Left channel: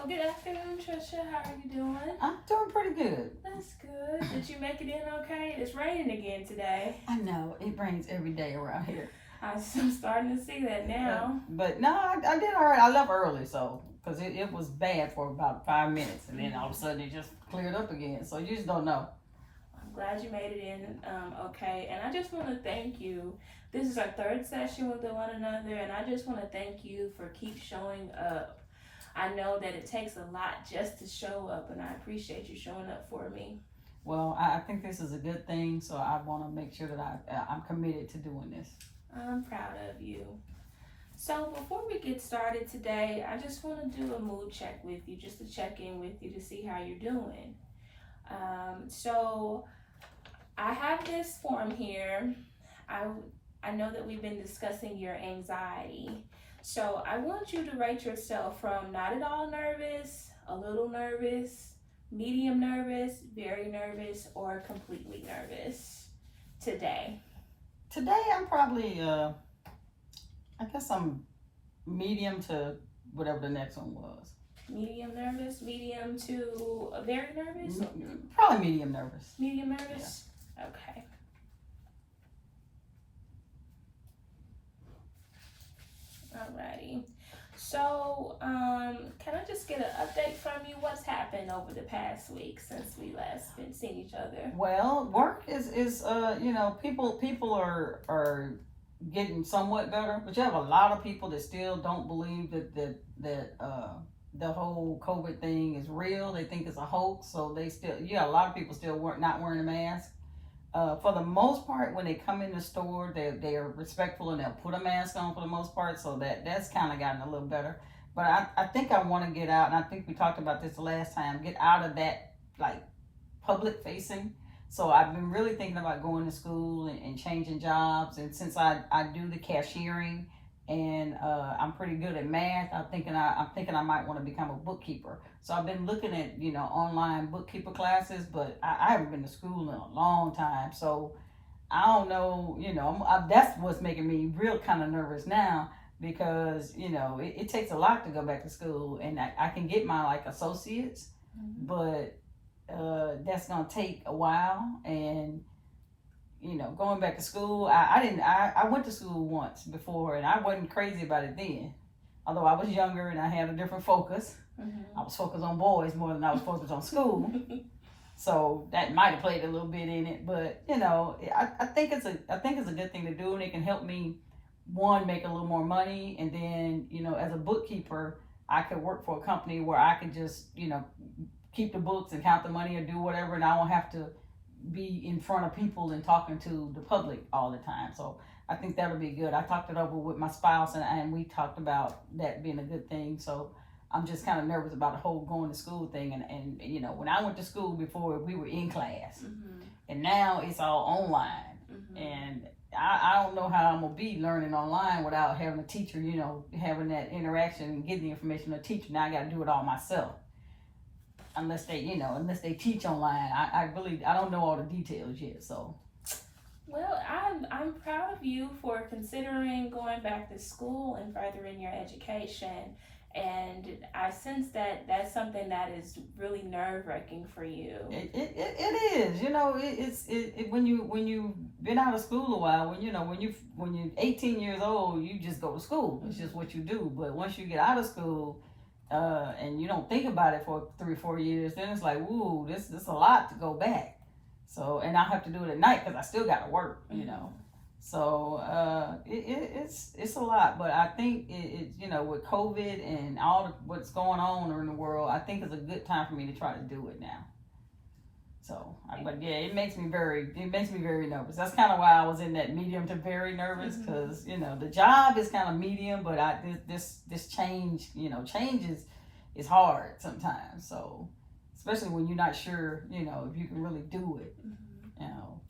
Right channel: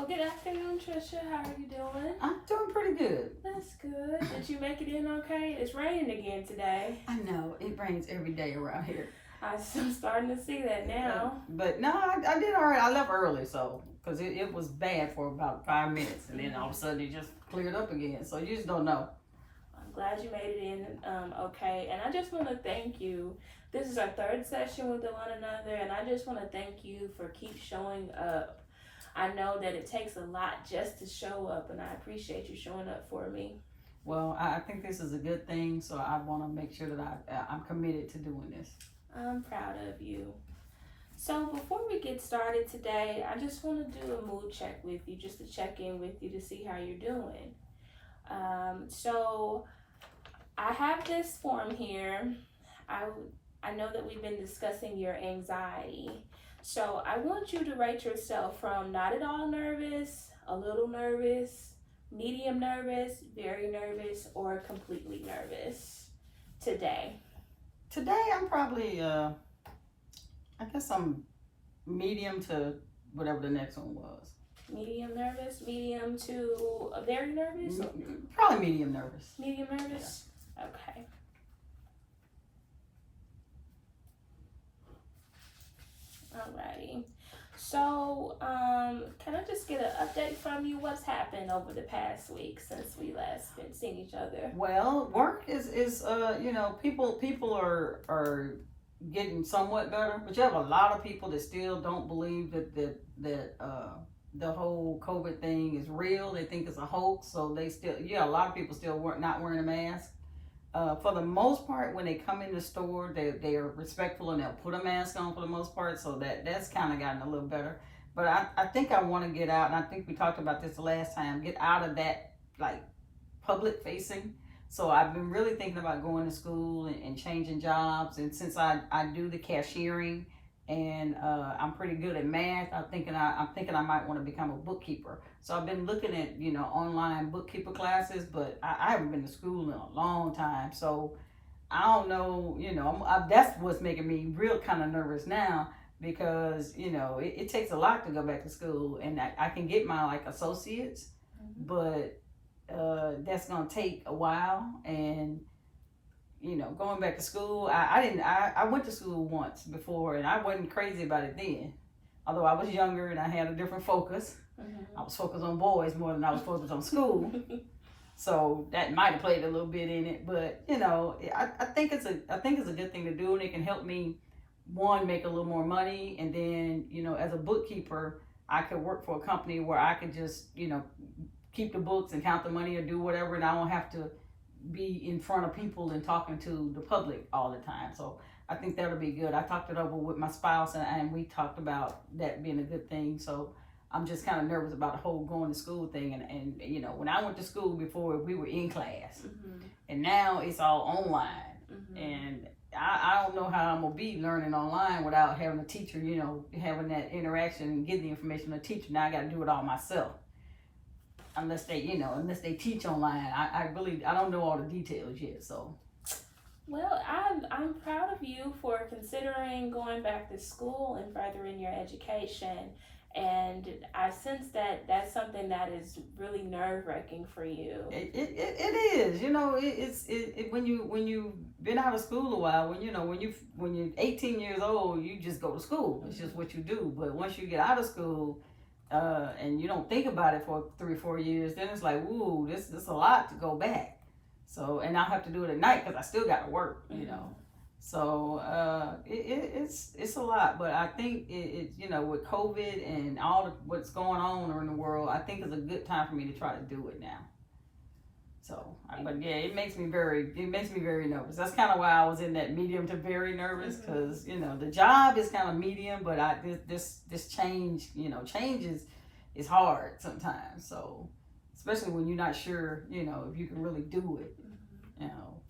Well, good afternoon, Trisha. How are you doing? I'm doing pretty good. That's good. Did you make it in okay? It's raining again today. I know it rains every day around here. I'm starting to see that now. But no, I did all right. I left early, so because it was bad for about 5 minutes, and then all of a sudden it just cleared up again. So you just don't know. I'm glad you made it in okay. And I just want to thank you. This is our third session with one another, and I just want to thank you for keep showing up. I know that it takes a lot just to show up, and I appreciate you showing up for me. Well, I think this is a good thing, so I want to make sure that I'm committed to doing this. I'm proud of you. So before we get started today, I just want to do a mood check with you, just to check in with you to see how you're doing. So I have this form here. I know that we've been discussing your anxiety. So I want you to rate yourself from not at all nervous, a little nervous, medium nervous, very nervous, or completely nervous today. Today I'm probably I guess I'm medium to whatever the next one was. Medium nervous, medium to very nervous? Probably medium nervous. Medium nervous? Yeah. Okay. Alrighty. So, can I just get an update from you? What's happened over the past week since we last been seeing each other? Well, work is people are getting somewhat better, but you have a lot of people that still don't believe that the whole COVID thing is real. They think it's a hoax, so they still a lot of people still not wearing a mask. For the most part, when they come in the store, they are respectful and they'll put a mask on for the most part. So that's kind of gotten a little better. But I think I want to get out, and I think we talked about this the last time. Get out of that like public facing. So I've been really thinking about going to school and changing jobs. And since I do the cashiering and I'm pretty good at math, I'm thinking I might want to become a bookkeeper. So I've been looking at online bookkeeper classes, but I haven't been to school in a long time. So I don't know, that's what's making me real kind of nervous now because it takes a lot to go back to school, and I can get my like associates, but that's gonna take a while. And going back to school, I went to school once before, and I wasn't crazy about it then. Although I was younger and I had a different focus. I was focused on boys more than I was focused on school. So that might have played a little bit in it, but I think it's a good thing to do, and it can help me make a little more money, and then as a bookkeeper, I could work for a company where I could just keep the books and count the money or do whatever, and I don't have to be in front of people and talking to the public all the time. So I think that'll be good. I talked it over with my spouse, and we talked about that being a good thing. So I'm just kind of nervous about the whole going to school thing. And when I went to school before, we were in class, and now it's all online. And I don't know how I'm gonna be learning online without having a teacher, having that interaction and getting the information from a teacher. Now I got to do it all myself. Unless they teach online, I don't know all the details yet. So, well, I'm proud of you for considering going back to school and furthering your education. And I sense that that's something that is really nerve-wracking for you. It is. It's when you've been out of school a while, when you're 18 years old, you just go to school. It's just what you do. But once you get out of school, and you don't think about it for 3-4 years, then it's like, ooh, this is a lot to go back. So, and I'll have to do it at night because I still got to work, So it's a lot, but I think with COVID and all what's going on in the world, I think it's a good time for me to try to do it now. So, but yeah, it makes me very nervous. That's kind of why I was in that medium to very nervous, because the job is kind of medium, but this change, changes is hard sometimes. So, especially when you're not sure, if you can really do it.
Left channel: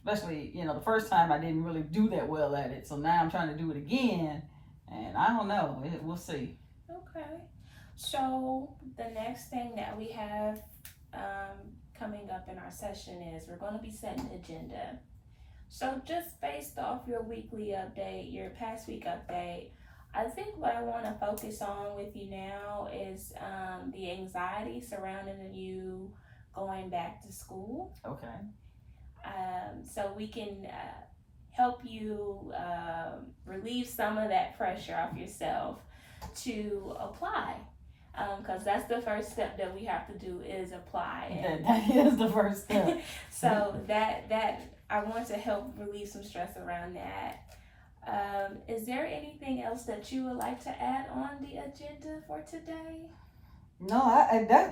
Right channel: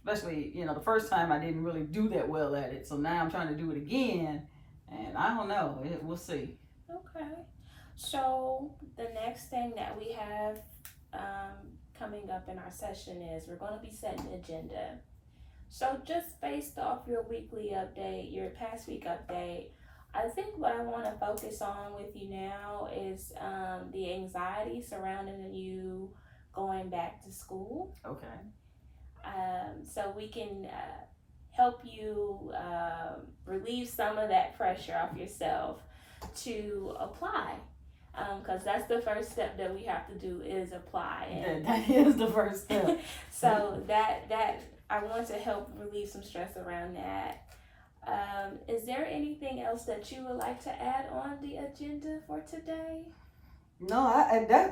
Especially the first time I didn't really do that well at it. So now I'm trying to do it again, and I don't know. We'll see. Okay. So the next thing that we have coming up in our session is we're going to be setting the agenda. So just based off your weekly update, your past week update, I think what I want to focus on with you now is the anxiety surrounding you going back to school. Okay. So we can help you relieve some of that pressure off yourself to apply. Because that's the first step that we have to do is apply. And That is the first step. so that I want to help relieve some stress around that. Is there anything else that you would like to add on the agenda for today? No,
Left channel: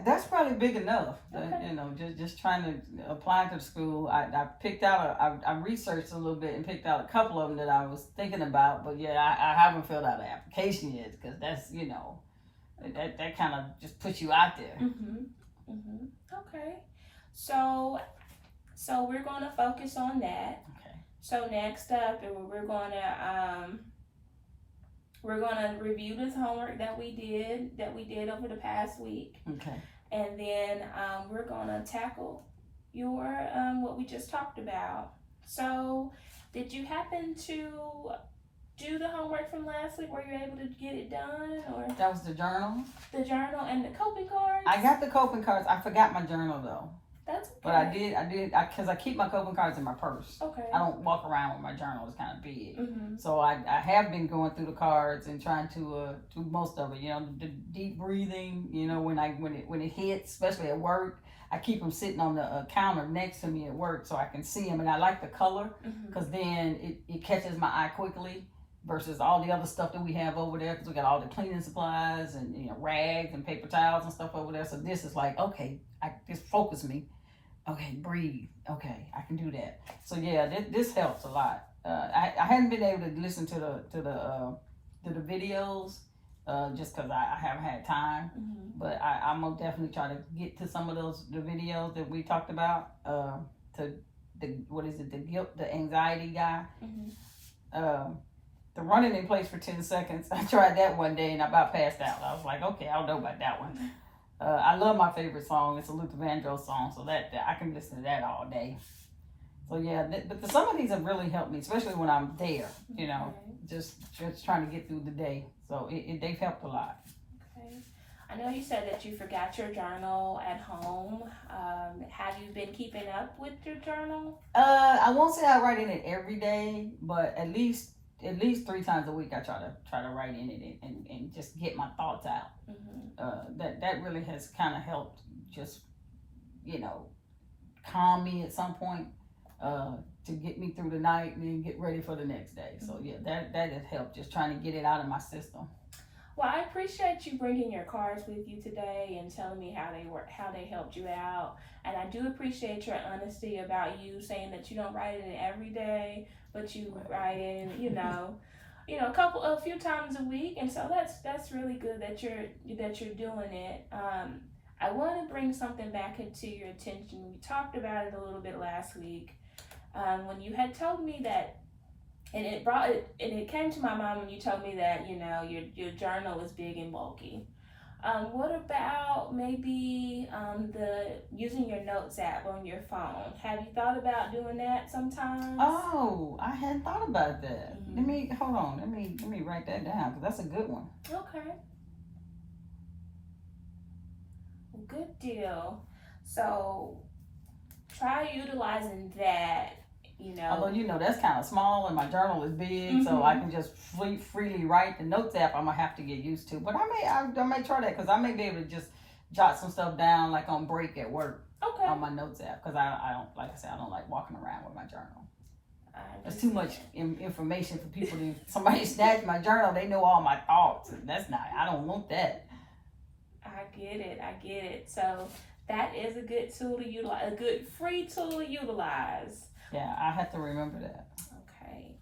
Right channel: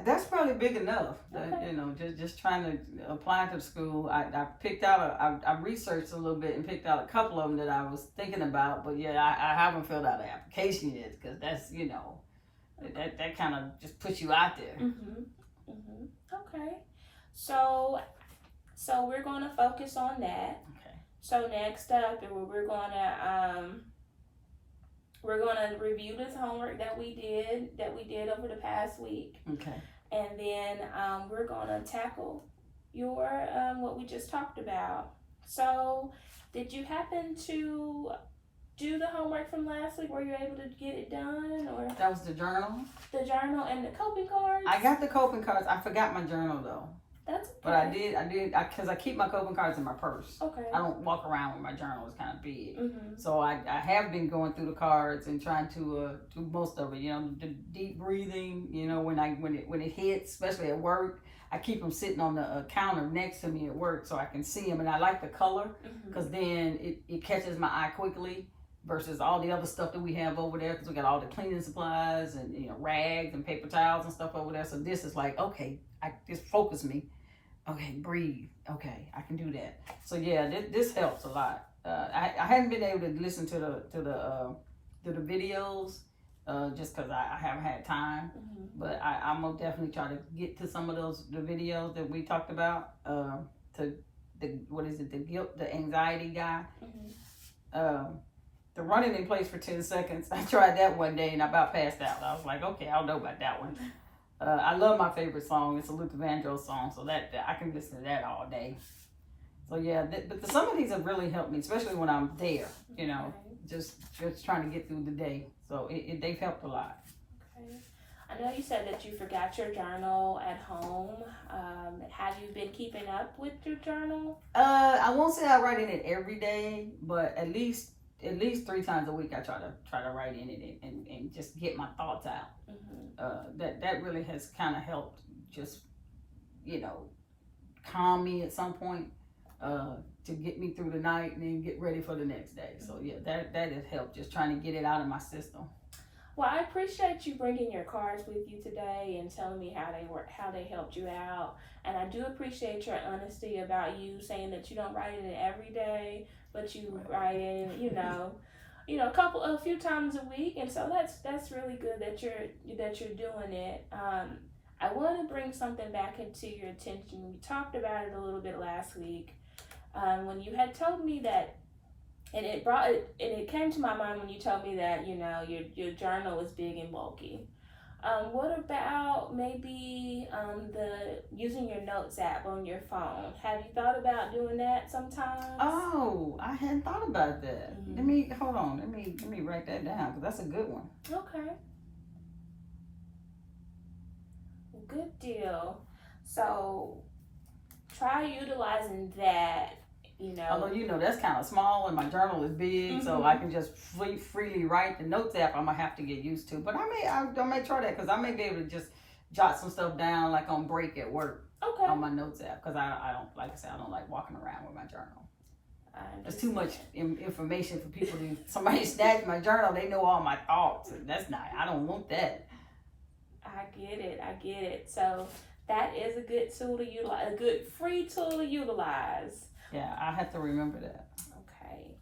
that's probably big enough. Okay. You know, just trying to apply to the school. I picked out I researched a little bit and picked out a couple of them that I was thinking about. But yeah, I haven't filled out the application yet because that's that kind of just puts you out there. Okay. So we're gonna focus on that. Okay. So next up, we're gonna review this homework that we did over the past week, Okay. and then we're gonna tackle your what we just talked about. So, did you happen to do the homework from last week? Were you able to get it done, or That was the journal. the journal and the coping cards? I got the coping cards. I forgot my journal though. That's okay. But I did, because I keep my coping cards in my purse. Okay. I don't walk around with my journal. It's kind of big. Mhm. So I have been going through the cards and trying to do most of it. You know, the deep breathing. You know, when it hits, especially at work, I keep them sitting on the counter next to me at work so I can see them. And I like the color because then it catches my eye quickly versus all the other stuff that we have over there because we got all the cleaning supplies and rags and paper towels and stuff over there. So this is like, okay, just focus me. Okay, breathe. Okay, I can do that. So yeah, this helps a lot. I hadn't been able to listen to the videos just because I haven't had time. But I'm gonna definitely try to get to some of the videos that we talked about. To the guilt, the anxiety guy. The running in place for 10 seconds. I tried that one day and I about passed out. I was like, okay, I don't know about that one. I love my favorite song. It's a Luther Vandross song, so that I can listen to that all day. So yeah, but some of these have really helped me, especially when I'm there. You know, just trying to get through the day. So they've helped a lot. Okay. I know you said that you forgot your journal at home. Have you been keeping up with your journal? I won't say I write in it every day, but at least 3 times a week I try to write in it and just get my thoughts out. That really has kind of helped just calm me at some point to get me through the night and then get ready for the next day. So yeah, that has helped, just trying to get it out of my system. Well, I appreciate you bringing your cards with you today and telling me how they helped you out. And I do appreciate your honesty about you saying that you don't write in every day, but you write in, a few times a week. And so that's really good that you're doing it. I want to bring something back into your attention. We talked about it a little bit last week when you had told me that. And it came to my mind when you told me that your journal is big and bulky. What about maybe using your notes app on your phone? Have you thought about doing that sometimes? Oh, I hadn't thought about that. Let me write that down because that's a good one. Okay. Good deal. So try utilizing that. Although that's kind of small and my journal is big, so I can just freely write. The notes app I'm gonna have to get used to, but I may try that because I may be able to just jot some stuff down like on break at work on my notes app because I don't, like I said, I don't like walking around with my journal. There's too much information for people to somebody snatch my journal. They know all my thoughts, and I don't want that. I get it. So that is a good tool to utilize, a good free tool to utilize. Yeah, I have to remember that. Okay.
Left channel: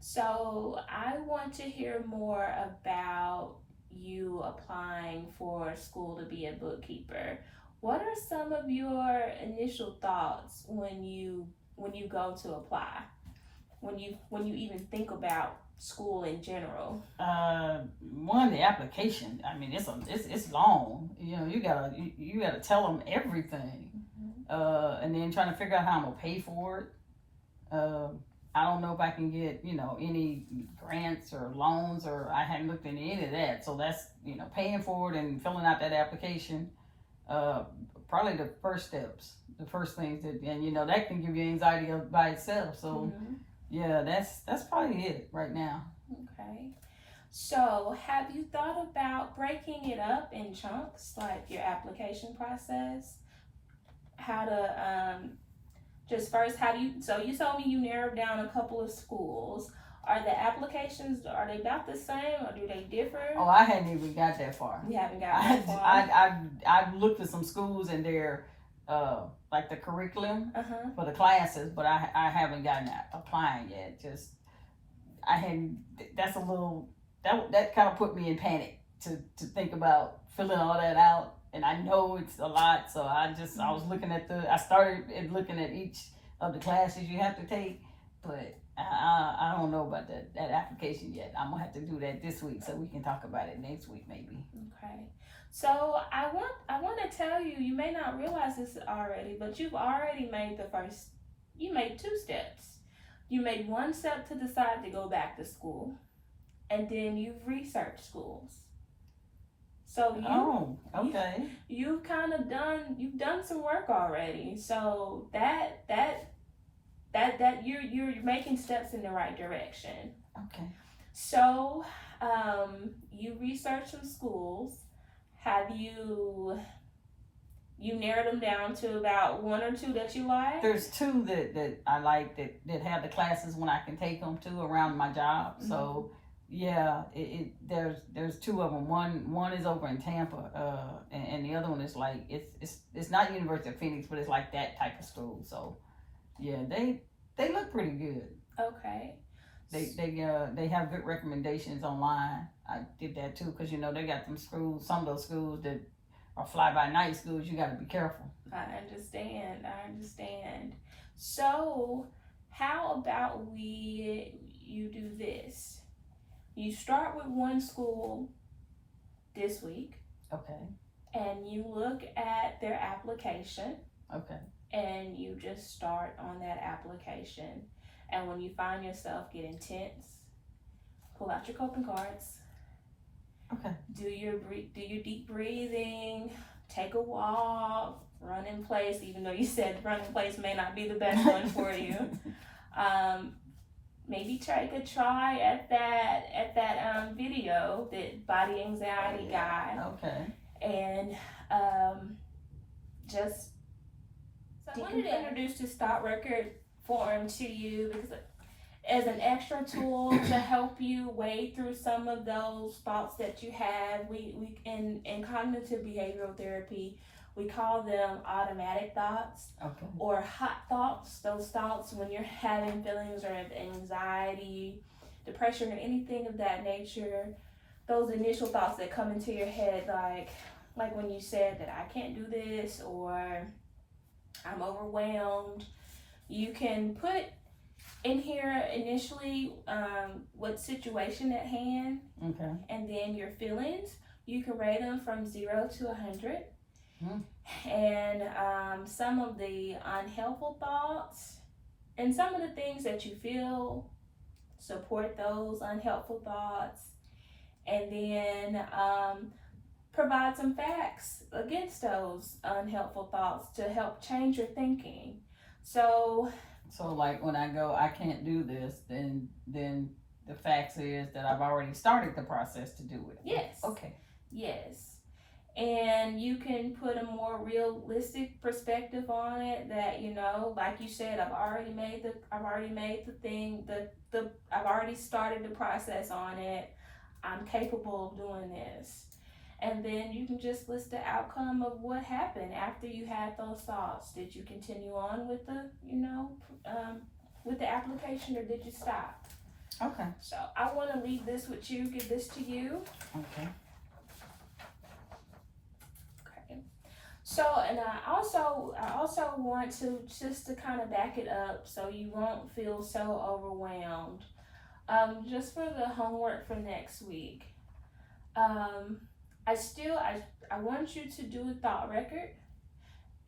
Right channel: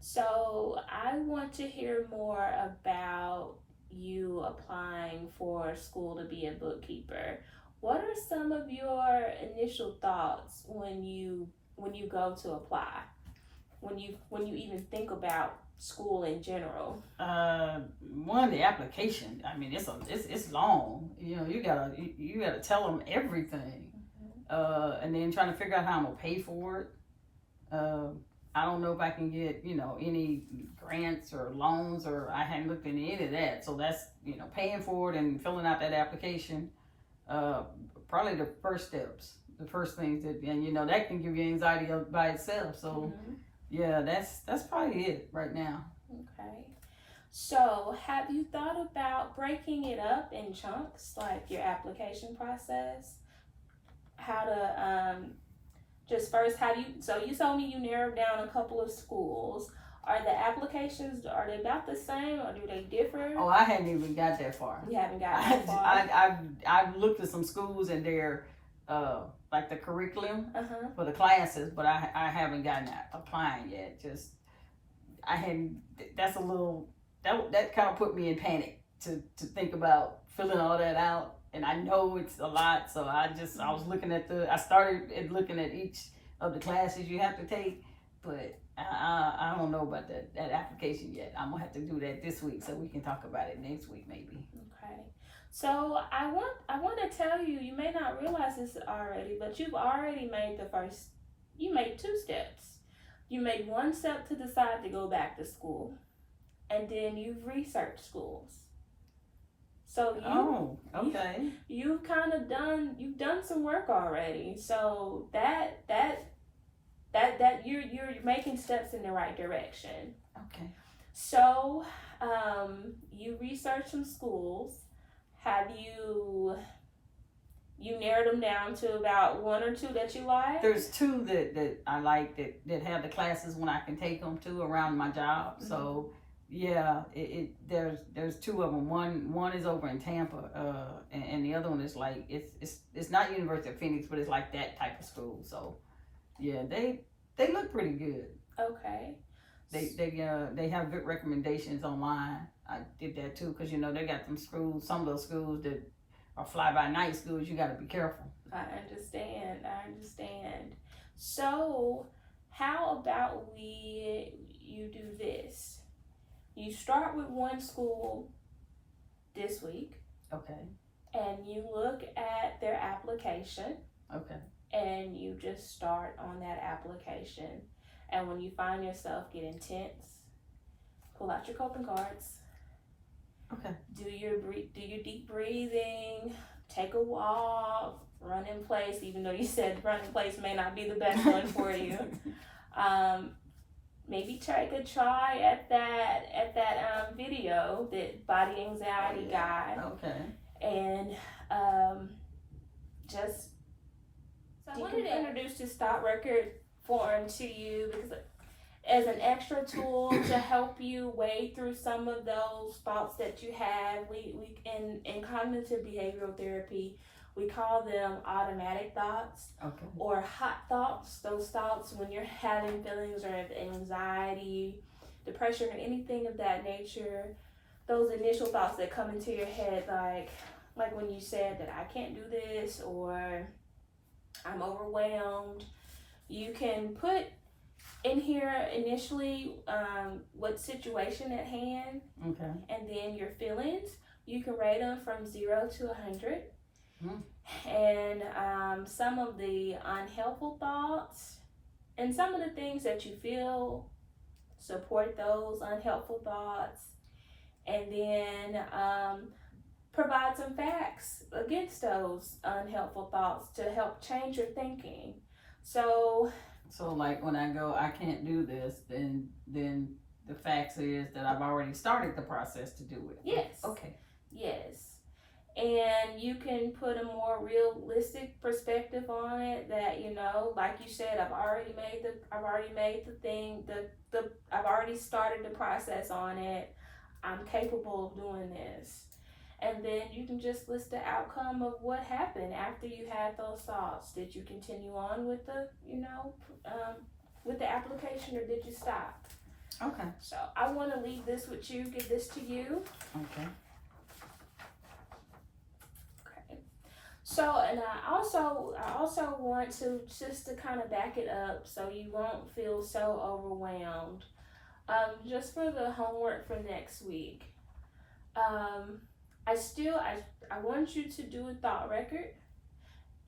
So I want to hear more about you applying for school to be a bookkeeper. What are some of your initial thoughts when you go to apply? When you even think about school in general? One, the application. I mean, it's long. You gotta tell them everything. And then trying to figure out how I'm gonna pay for it. I don't know if I can get, any grants or loans, or I hadn't looked into any of that. So that's, paying for it and filling out that application, probably the first steps, the first things and that can give you anxiety by itself. So yeah, that's probably it right now. Okay. So have you thought about breaking it up in chunks, like your application process? How to, just first, so you told me you narrowed down a couple of schools. Are the applications, are they about the same or do they differ? Oh, I hadn't even got that far. You haven't got that far? I've looked at some schools and they're, like the curriculum for the classes, but I haven't gotten that applying yet. Just, I hadn't, that's a little, that kind of put me in panic to think about filling all that out. And I know it's a lot, so I was looking at I started looking at each of the classes you have to take, but I don't know about that application yet. I'm gonna have to do that this week, so we can talk about it next week maybe. Okay. So I want to tell you, you may not realize this already, but you've already made you made 2 steps. You made 1 step to decide to go back to school, and then you've researched schools. So you've done some work already. So that you're making steps in the right direction. Okay. So you researched some schools. Have you narrowed them down to about 1 or 2 that you like? There's 2 that I like that have the classes when I can take them to around my job. So yeah, there's 2 of them. One is over in Tampa, and the other one is like it's not University of Phoenix, but it's like that type of school. So yeah, they look pretty good. Okay. They have good recommendations online. I did that too, because they got some of those schools that are fly-by-night schools. You got to be careful. I understand. So how about you do this? You start with 1 school this week. Okay. And you look at their application. Okay. And you just start on that application. And when you find yourself getting tense, pull out your coping cards. Okay. Do your deep breathing, take a walk, run in place, even though you said run in place may not be the best one for you. Maybe take a try at that video, that body anxiety guide. Okay. And just so I wanted to introduce this thought record form to you because as an extra tool to help you wade through some of those thoughts that you have. We in cognitive behavioral therapy, we call them automatic thoughts. Okay. Or hot thoughts. Those thoughts when you're having feelings of anxiety, depression, or anything of that nature. Those initial thoughts that come into your head, like when you said that I can't do this or I'm overwhelmed. You can put in here initially what situation at hand. Okay. And then your feelings. You can rate them from 0 to 100. And some of the unhelpful thoughts and some of the things that you feel support those unhelpful thoughts, and then provide some facts against those unhelpful thoughts to help change your thinking. So like when I go, I can't do this, then the facts is that I've already started the process to do it. Yes. Okay. Yes. And you can put a more realistic perspective on it that, like you said, I've already started the process on it. I'm capable of doing this. And then you can just list the outcome of what happened after you had those thoughts. Did you continue on with with the application, or did you stop? Okay. So I want to leave this with you, give this to you. Okay. So, and I also want to just to kind of back it up so you won't feel so overwhelmed. Just for the homework for next week. I want you to do a thought record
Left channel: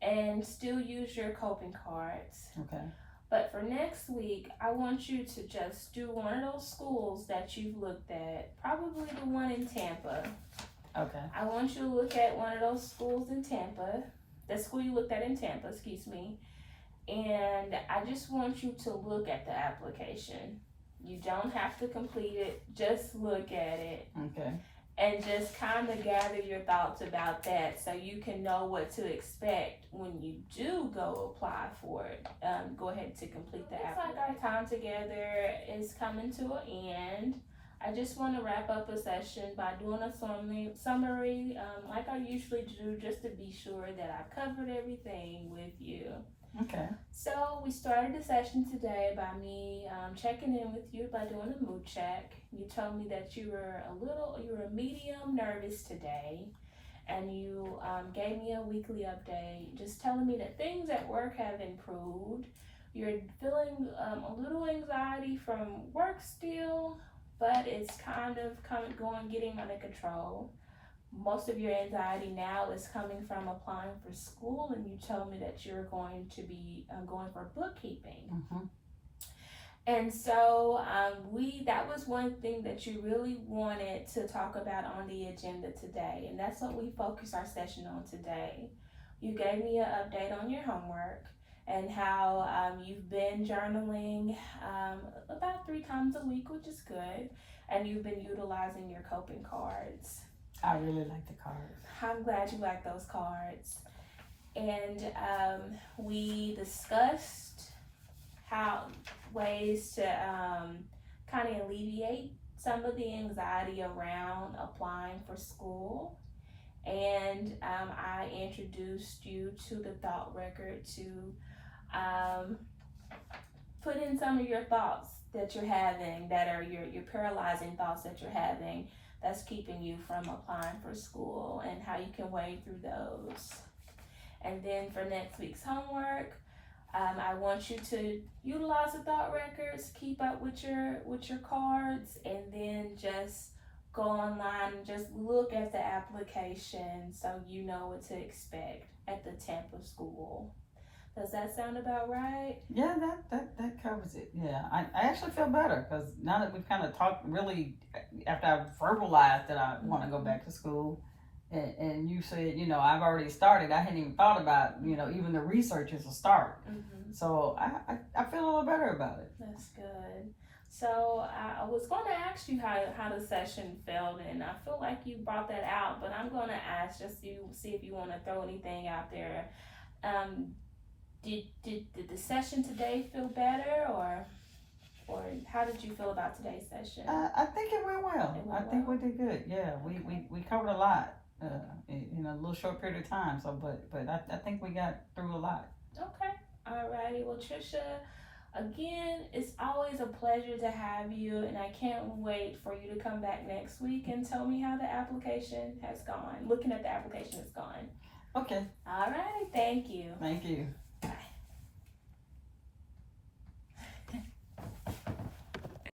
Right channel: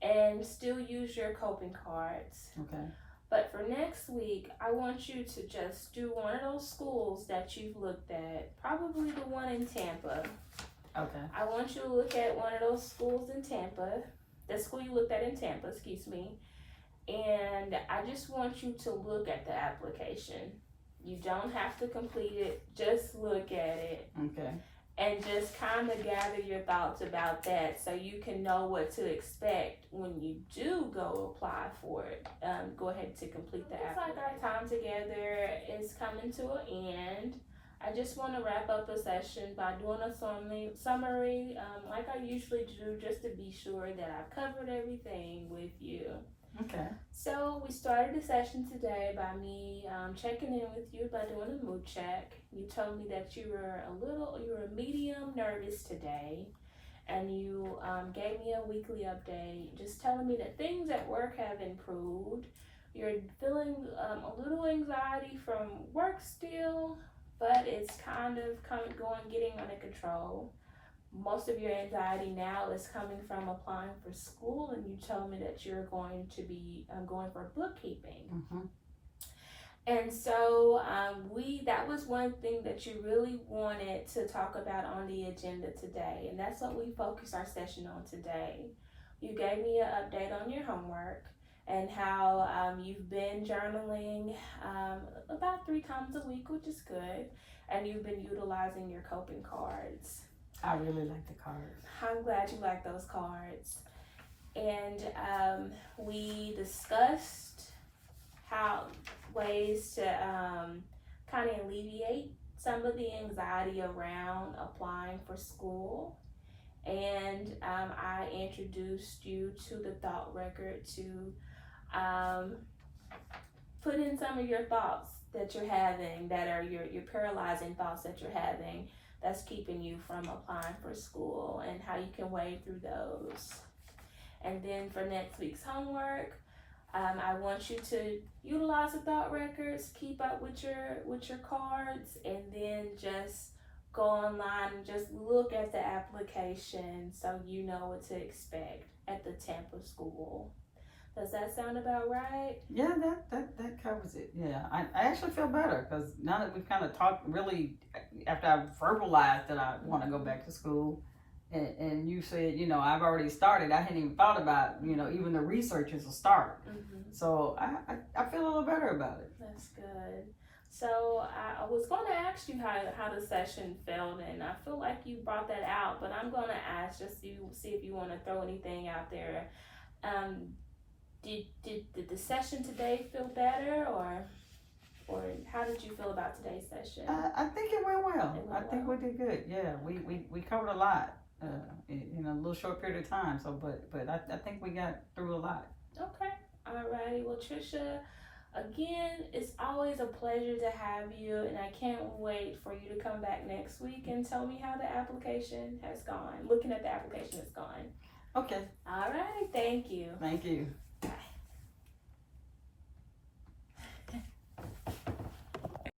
and still use your coping cards. Okay. But for next week, I want you to just do one of those schools that you've looked at, probably the one in Tampa. Okay. I want you to look at one of those schools in Tampa, the school you looked at in Tampa, excuse me, and I just want you to look at the application. You don't have to complete it, just look at it. Okay. And just kind of gather your thoughts about that so you can know what to expect when you do go apply for it. Go ahead to complete the application. Looks like our time together is coming to an end. I just want to wrap up a session by doing a summary like I usually do, just to be sure that I've covered everything with you. Okay. So we started the session today by me checking in with you by doing a mood check. You told me that you were medium nervous today, and you gave me a weekly update, just telling me that things at work have improved. You're feeling a little anxiety from work still, but it's kind of getting under control. Most of your anxiety now is coming from applying for school, and you told me that you're going to be going for bookkeeping. Mm-hmm. And so that was one thing that you really wanted to talk about on the agenda today, and that's what we focused our session on today. You gave me an update on your homework and how you've been journaling about 3 times a week, which is good, and you've been utilizing your coping cards. I really like the cards. I'm glad you like those cards. And we discussed how ways to kind of alleviate some of the anxiety around applying for school. And I introduced you to the thought record to put in some of your thoughts that you're having, that are your paralyzing thoughts that you're having, that's keeping you from applying for school, and how you can wade through those. And then for next week's homework, I want you to utilize the thought records, keep up with your cards, and then just go online and just look at the application so you know what to expect at the Tampa school. Does that sound about right? Yeah, that covers it. Yeah, I actually feel better, because now that we've kind of talked, really, after I've verbalized that I want to go back to school, and you said, I've already started. I hadn't even thought about, even the research is a start. Mm-hmm. So I feel a little better about it. That's good. So I was going to ask you how the session felt, and I feel like you brought that out, but I'm going to ask just to see if you want to throw anything out there. Did the session today feel better, or how did you feel about today's session? I think it went well. I think we did good. Yeah, we covered a lot in a little short period of time. So, but I think we got through a lot. Okay, alrighty. Well, Trisha, again, it's always a pleasure to have you, and I can't wait for you to come back next week and tell me how the application has gone. Looking at the application has gone. Okay. Alrighty, thank you. Thank you.